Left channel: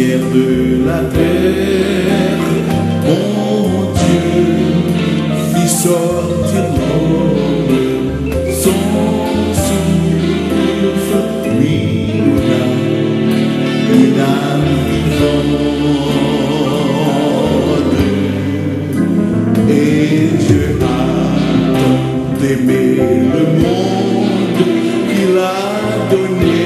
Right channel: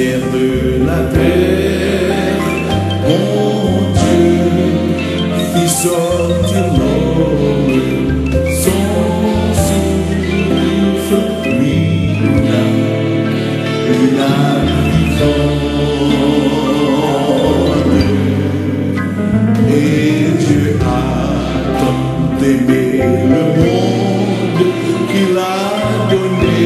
poussière de la terre, mon Dieu fit sortir l'homme, son souffle lui donna une âme vivante. Et Dieu a tant aimé le monde qu'il a donné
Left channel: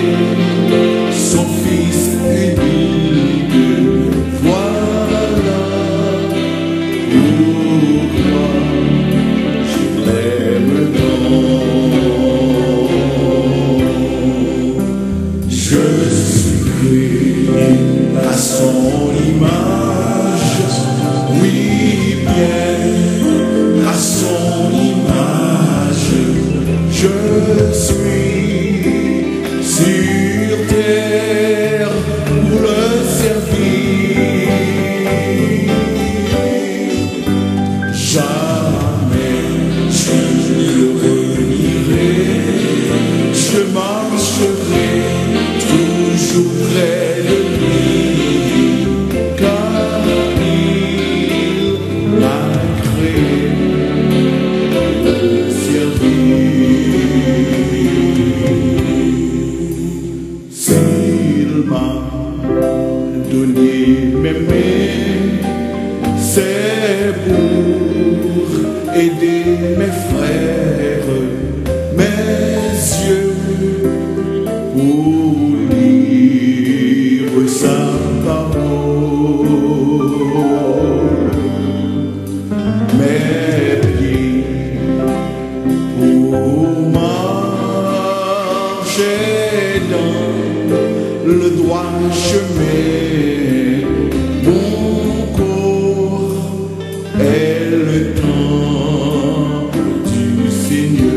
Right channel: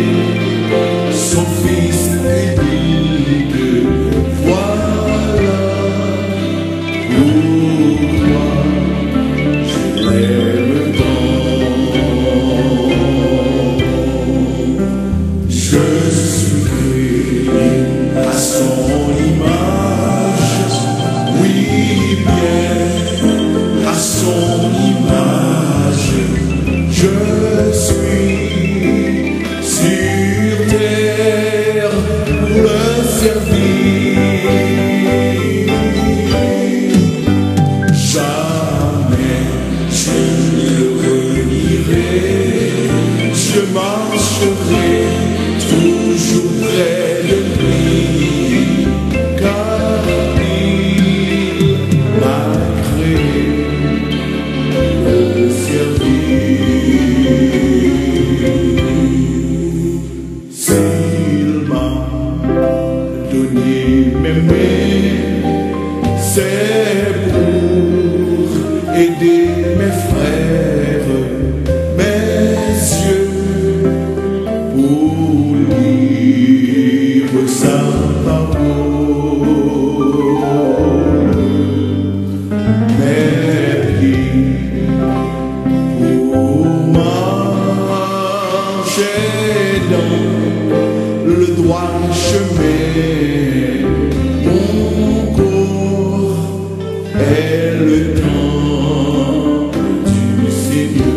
son Fils unique. Voilà pourquoi je l'aime tant. Je suis créé à son image, oui bien à son image. Je suis sur terre pour le servir. Jamais je le renierai, je marcherai toujours près de lui, car il m'a créé pour le servir. S'il m'a donné mes mains, c'est pour aider mes frères, mes yeux pour lire sa parole, mes pieds pour marcher dans le droit chemin. Mon corps est le temple du Seigneur.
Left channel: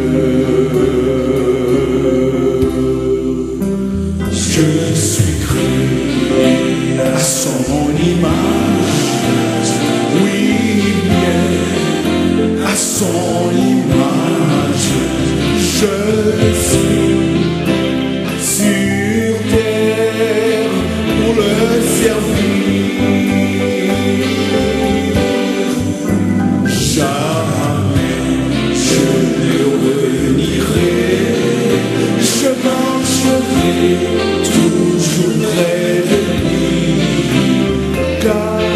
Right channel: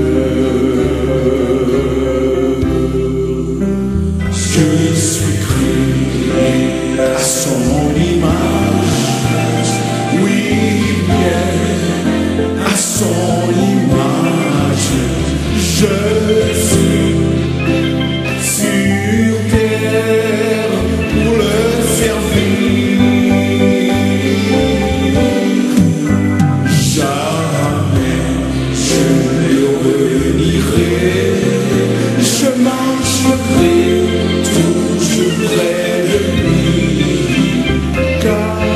Je suis créé à son image, oui bien à son image. Je suis sur terre pour le servir. Jamais je le renierai, je marcherai toujours près de lui, car